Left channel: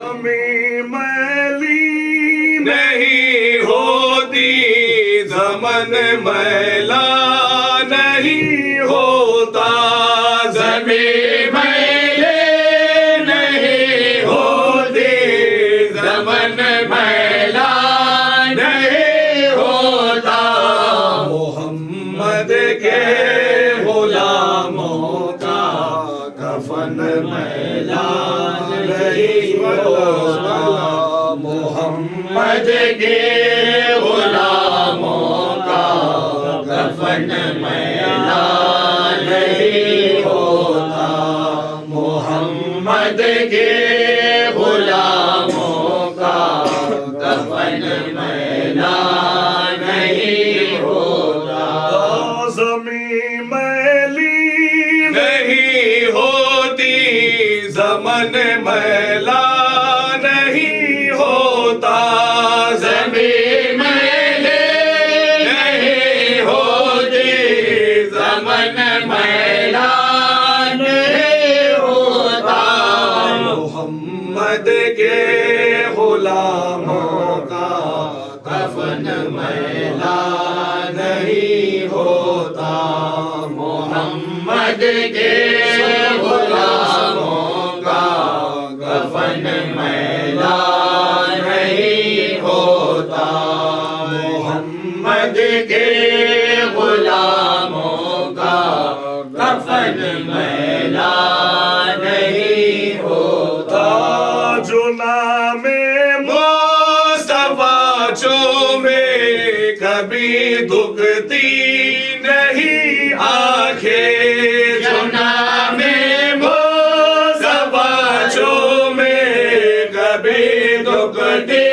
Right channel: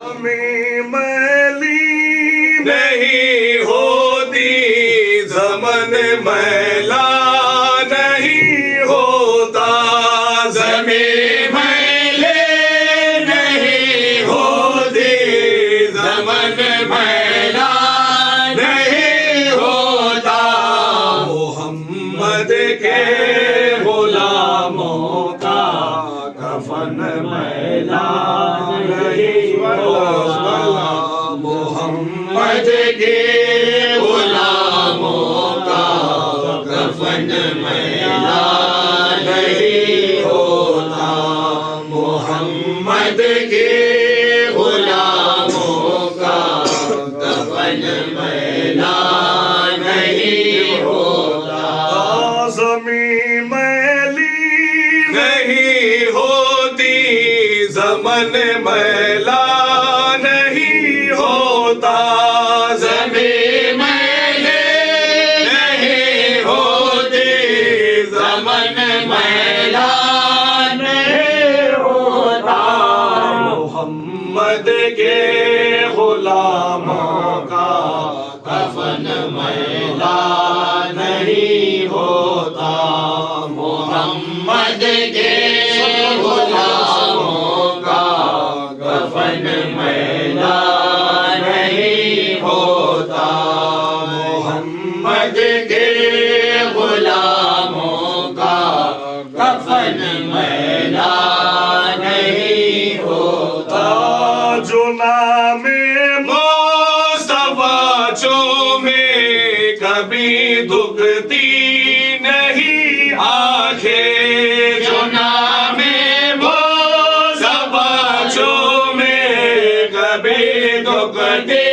میں میلی نہیں ہوتی، زمن میلا نہیں ہوتا، زمین میلے نہیں ہوتی، زمن میلا نہیں ہوتا، محمد کے غلاموں کا کفن میلا نہیں ہوتا، محمد کے غلاموں کا کفن میلا نہیں ہوتا، محمد کے غلاموں کا کفن میلا نہیں ہوتا، زمین میلی نہیں ہوتی، زمن میلا نہیں ہوتا، زمین میلے نہیں ہوتی، زمن میلا نہیں ہوتا، محمد کے غلاموں کا کفن میلا نہیں ہوتا، محمد کے غلاموں کا کفن میلا نہیں ہوتا، محمد کے غلاموں کا کفن میلا نہیں ہوتا، جو نام مصطفیٰ چومے کبھی دکھتی نہیں آنکھیں، جو نام مصطفیٰ چومے کبھی دکھتی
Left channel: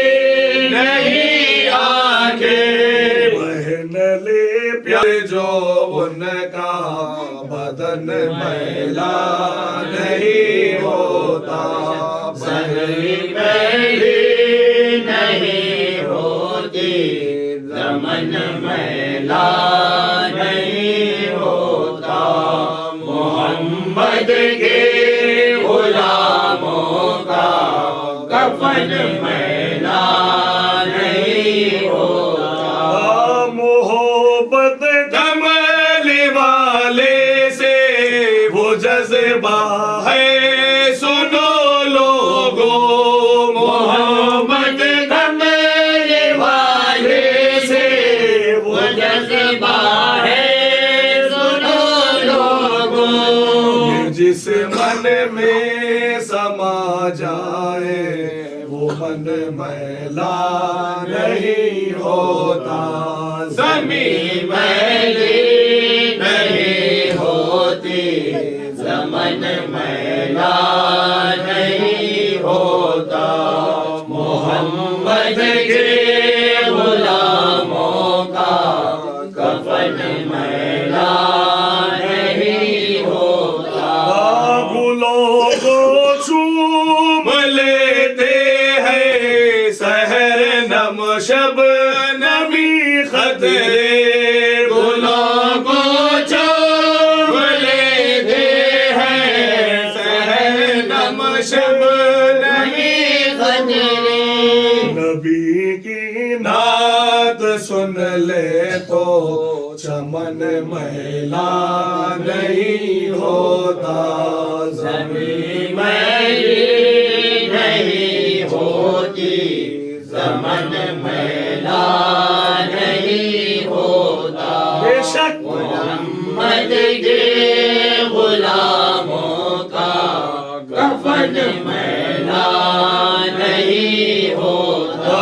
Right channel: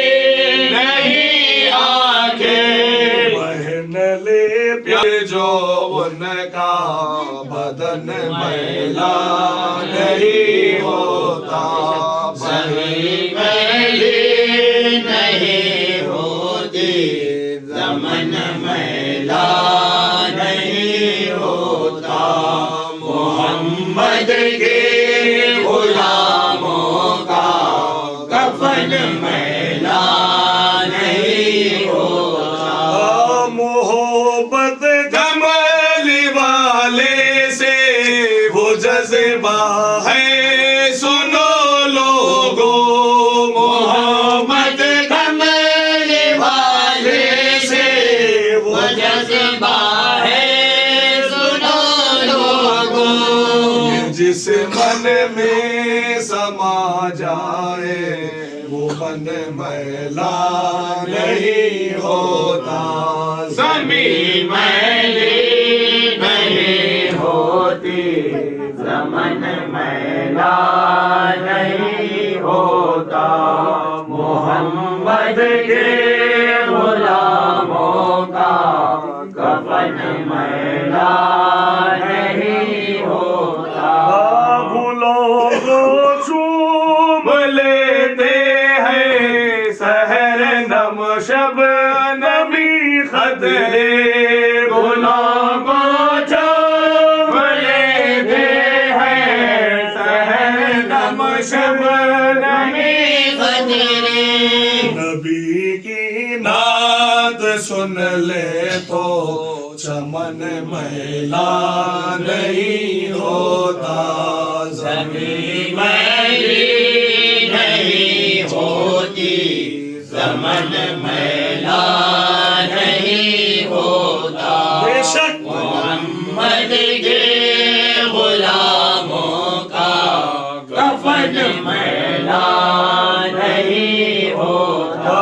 نہیں آنکھیں، بہن لے پیار جو ان کا بدن میلا نہیں ہوتا، زمین میلی نہیں ہوتی، زمن میلا نہیں ہوتا، محمد کے غلاموں کا کفن میلا نہیں ہوتا، محبت کمل والے سے وہ جذبہ ہے سنو لوگو، محبت کمل والے سے وہ جذبہ ہے سنو لوگو، جس من میں سما جائے وہ من میلا نہیں ہوتا، زمین میلی نہیں ہوتی، زمن میلا نہیں ہوتا، محمد کے غلاموں کا کفن میلا نہیں ہوتا، گلوں کو چوم لیتے ہیں سحر نم شب نمی خطرے، گلوں کو چوم لیتے ہیں سحر نم شب نمی خطرے، نبی کی نعت سن لے تو چمن میلا نہیں ہوتا، زمین میلی نہیں ہوتی، زمن میلا نہیں ہوتا، بے شک محمد کے غلاموں کا کفن میلا نہیں ہوتا،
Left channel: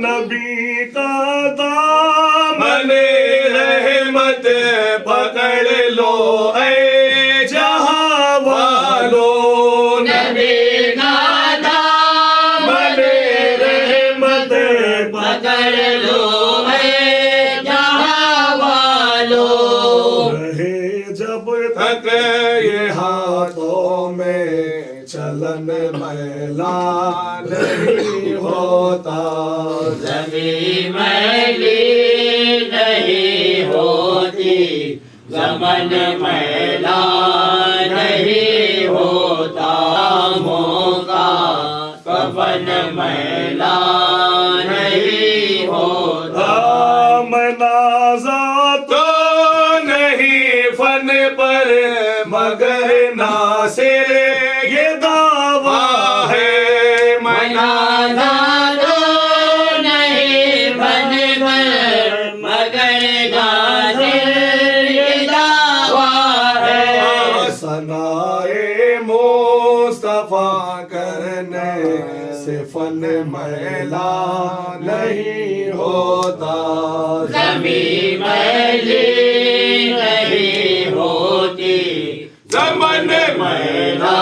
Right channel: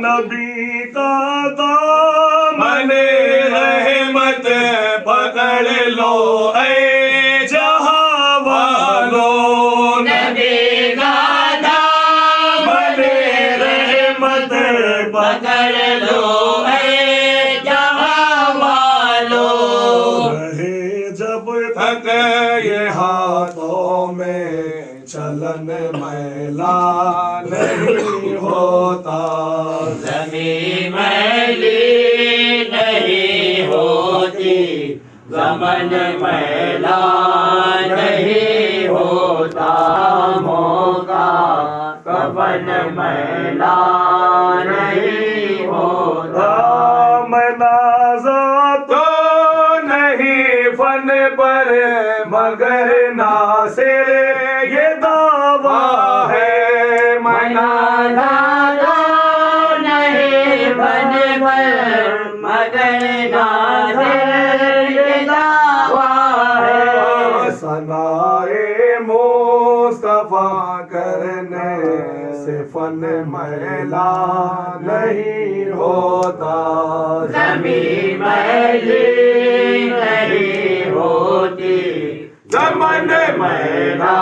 نبی کا دامن رحمت پکڑ لو اے جہاں والو، نبی کا دامن رحمت پکڑ لو اے جہاں والو، رہے جب تک یہ ہاتھوں میں چلن میلا نہیں ہوتا، زمین میلی نہیں ہوتی، زمن میلا نہیں ہوتا، موقع کفن میلا نہیں ہوتا منازع تو نہیں فن پر مگر ناصر یہ دعویٰ ہے منازع تو نہیں فن پر مگر ناصر یہ دعویٰ ہے ثنائے مصطفیٰ کرنے سے فن میلا نہیں ہوتا زمین میلی نہیں ہوتی زمن میلا